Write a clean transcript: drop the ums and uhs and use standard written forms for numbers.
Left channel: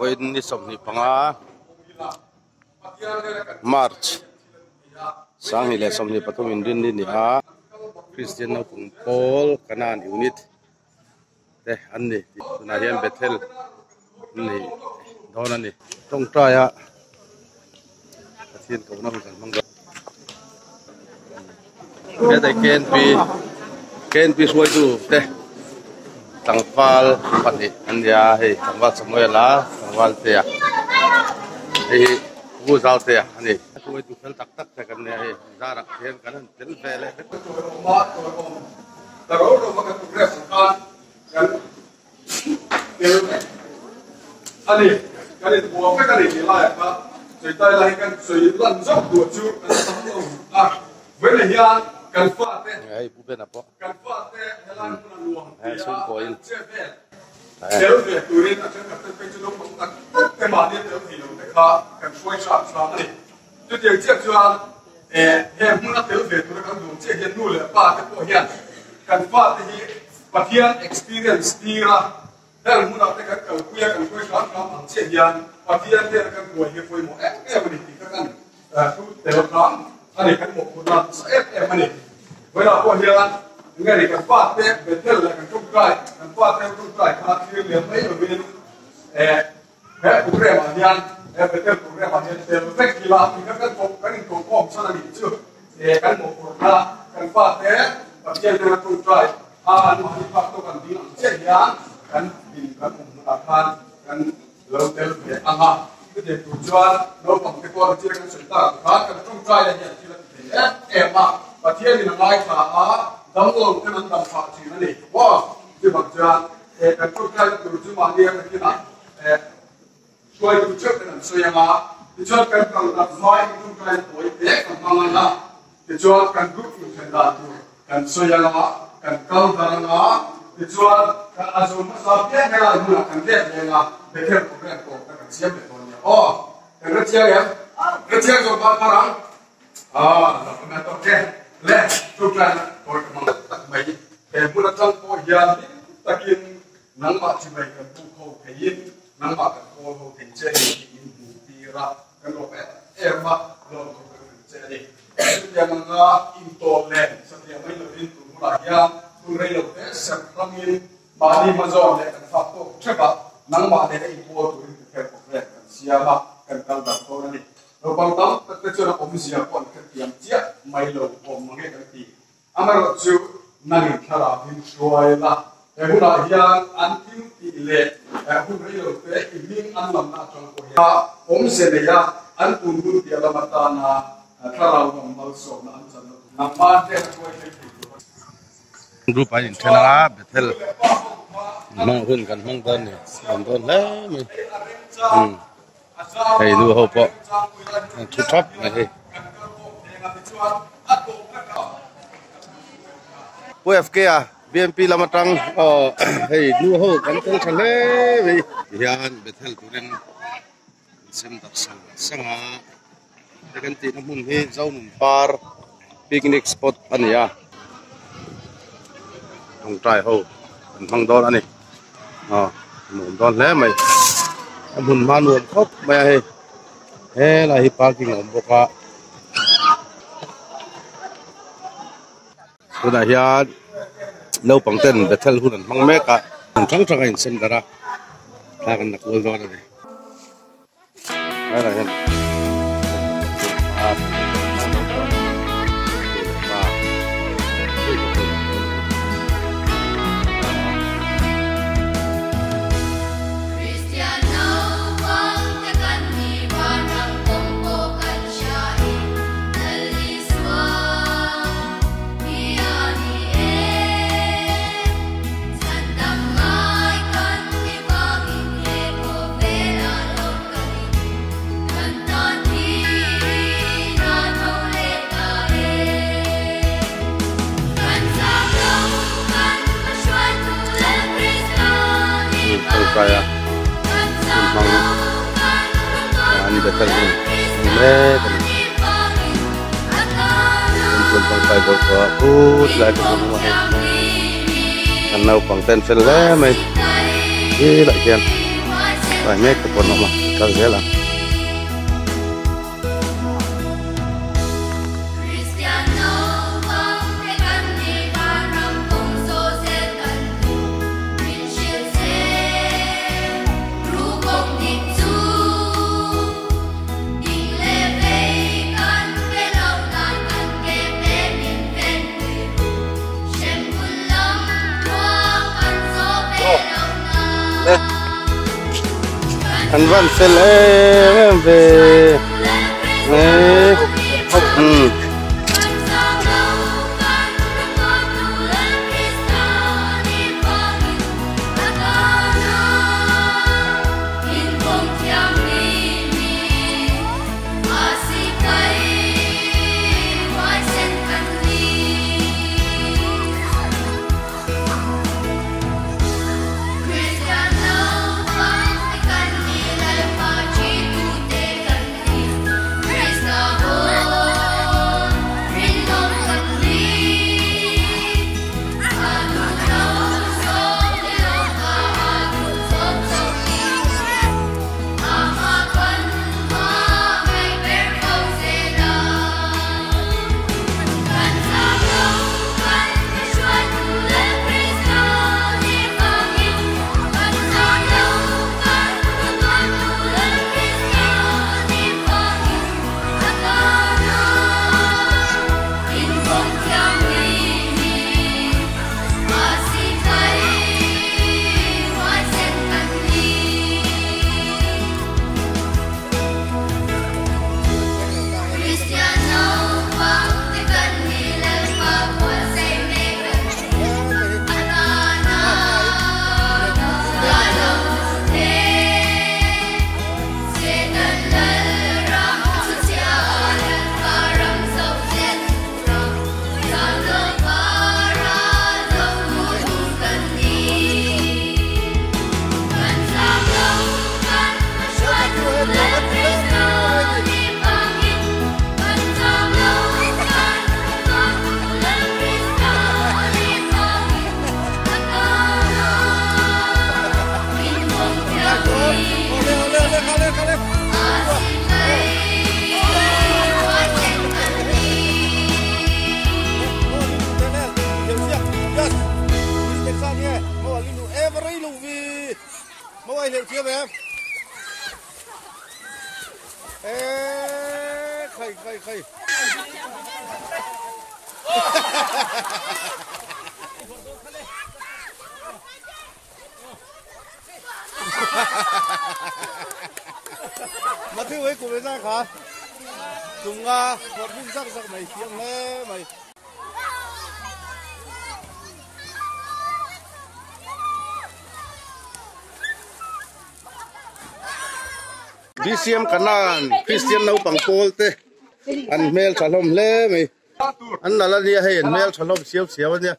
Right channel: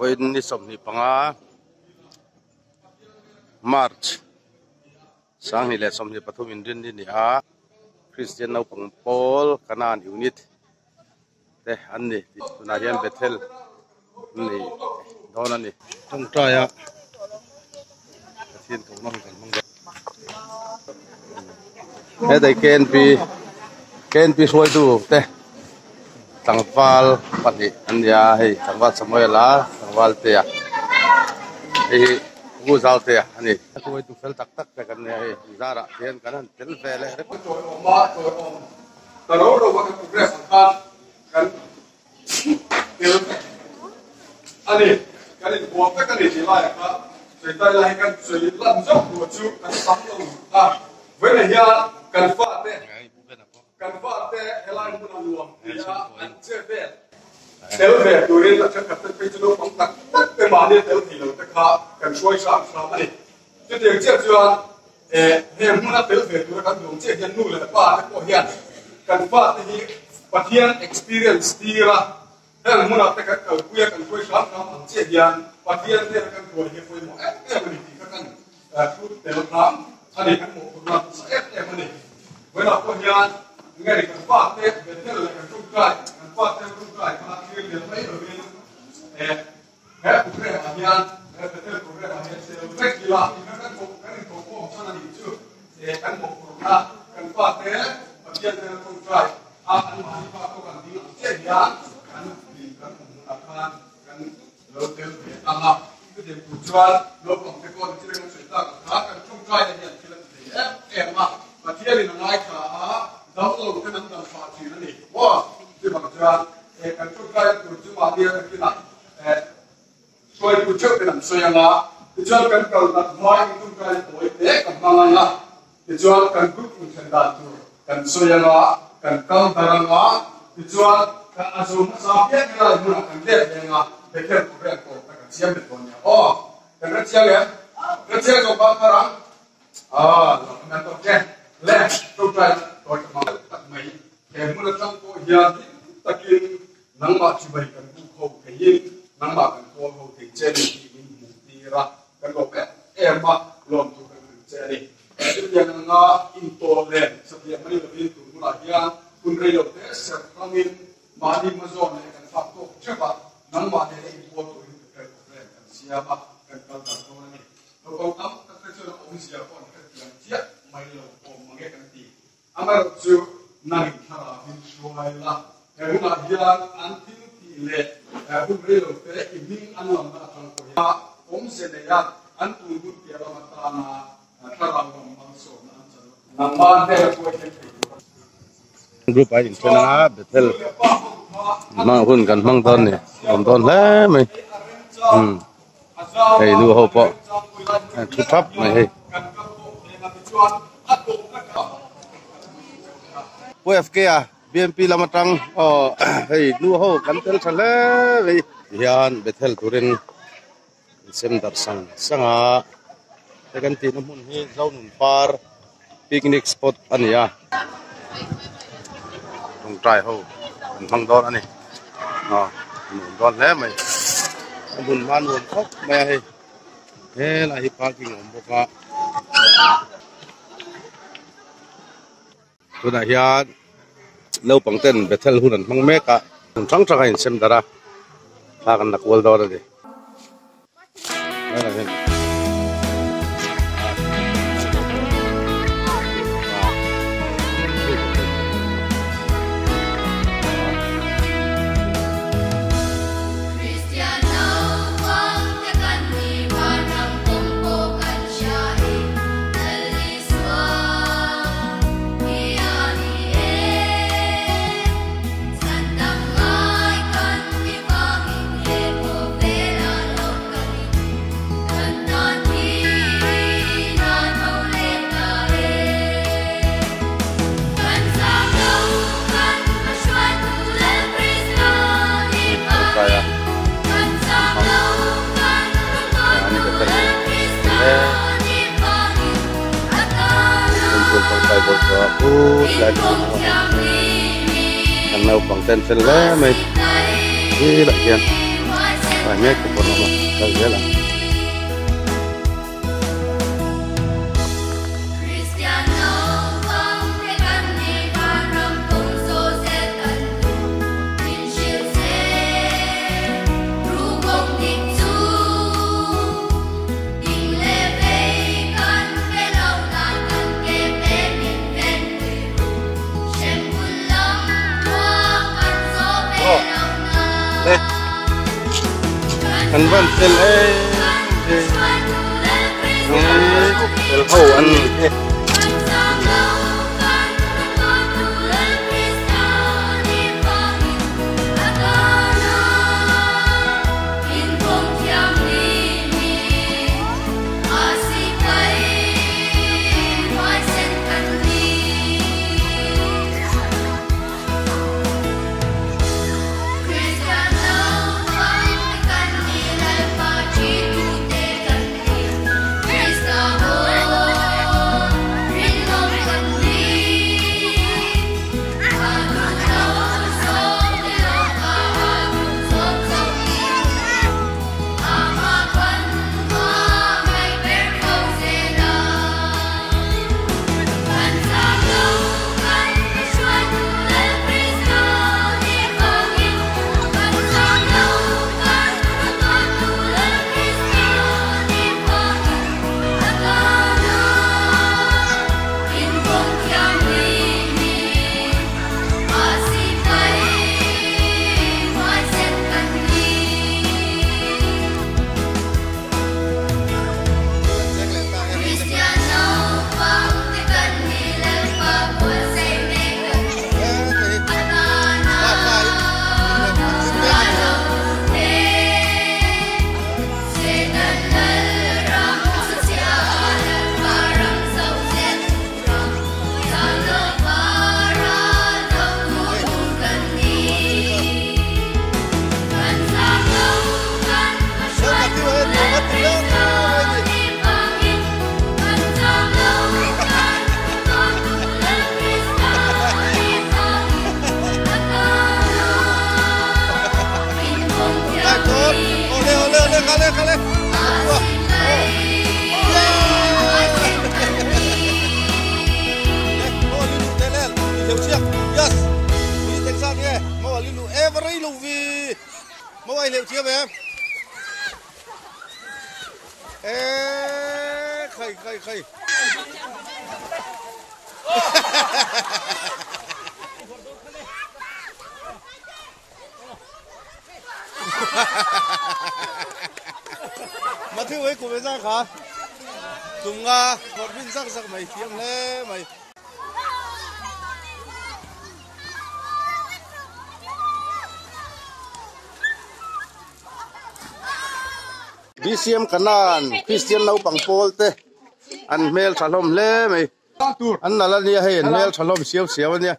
Voin ni som ni panga March sang ni le som ni pathum indin ni a Christian no pang Paul kanan unit te an ni tuna hian Bethel ni dona ni tong traya thiên cầu nó kan mang he dai ken pi suai tu te tangwal pani ania hei tangwal samuela tangwal te a hei gu zau te ani suai tu fel tak tak te kan ne hei zara hian kan tel vele ma to ro ro ma ka progress kan ani kan bo ka kan ni la ya ka rồi tay lại cần rồi lần dốc của chú cần tắm lòng với này nha cần phát thế cần phát thế hay là muốn ăn luồng thì chơi về theo về tôi nên là chắc chắn phải cho nó phóng tắc cái mà nên theo thì nó phải khá cần xoay sáng sáng này cho tiền chơi chưa em muốn là theo về tôi cần dùng chơi hiện nuôi là ba cái cổ hiện cần phát thì phát hiện experience đi ra thế là muốn là cái cầu quê cần xoay sáng sáng bằng chơi hiện và khi anh thấy các người hiệp hội một em mình thì các anh thu đều lắm anh ấy các một lần sẽ em anh ấy với là qua hiện nghe này các phát thế về thế là các trung trai các phát theo trung trai các chuyên nghiệp mấy ở bên cái cụ thể mà hiện về thế cụ thể mà hiện đều rất kỳ lạ thì các anh có sao là gì chưa thì các một là các phát thế và khi anh trung trai anh mà phát tôi cần đi chơi nhá các vì các cùng là fan các lâu tới để ăn ha cái để chủ cho nó bằng cái con chiên cái sợi ta cá cái trong trai này thì là em mà và thiên thì nó lại cả đóng lồng cái nó làm phá chỉ nó này wow thì bằng cho cái trong trai chủ cho mà đi cái nào xoay chủ trước cái làm xoay là thì cho cái cầu đặt nói cái trong trai tuổi bé còn mang là thì cho cái group mình thành đạt cái xoay là cái cầu thang là thì cho cái azum sao biết hay là như là cái đẹp là về theo của các cô các chiêm được còn nhiều, cái rất chiêm rồi bao nhiêu lắm, là mình có cái lẽ tôi ra tôi cái món tặng mấy, cái muốn là trong cô hiện tất nhiên nắng mà chỉ vậy cần tu khâu thể hiện nắng mà cần cô khâu thể chế thì mình đi ra cần có cái em mà làm tu cái chế đi, cái chuyện là intolerant, sau khi mấy người in tu là ya, tu đây là cái sản phẩm in mà đi mà dọn lại cần phát cô chắc là nang ma ne cái ipo tu ri ke ko re siama kan kal da ko ni no bang tam ta chu na om sia kon ke tiam chia mai lo om nge kan ti amaro chu nang thara bin shoi la e huna hian an tim ti le hu ri lo pe i min an lam na chang ko ya om se ne ya an tun gun ti ala mata na thara nom mal so na an chan na ma te ko ke group ai in thena Bethel mang hun kan mang ton ni om ton le mai hey nu ho po thu thap mai hey PFK à BNP Lamatang hey nu ho kan tel thale ve hian Bethel turin sem dar sanga te kan ti na mun hi zaunun par picnic spot ania tong trai ho mang don anh nụn don lẽ mày muốn mà nụn khóc mày hay là hi parking om boka tôi đã hiện lâu bằng tên Bethel hunan mang mẹ cả trắng trắng anh xem ra là cái nặc wall đó đây là hiện kaya ini betul ini untuk sampai berapa lagi semua karena upang ten fel lah, mai ini lagi kan. phải nghe cái con nó mà cái thế là anh vẫn sẽ lấy về liệu chiếc về em. Ê, khẩy. Mà thứ ấy của mấy ra khá. Cùng một viên sắc mày chiếm lê mày. BCM kanan Christian nau pangpol te an mel thalom le mai an nala nia hey an mel thalom siaw nia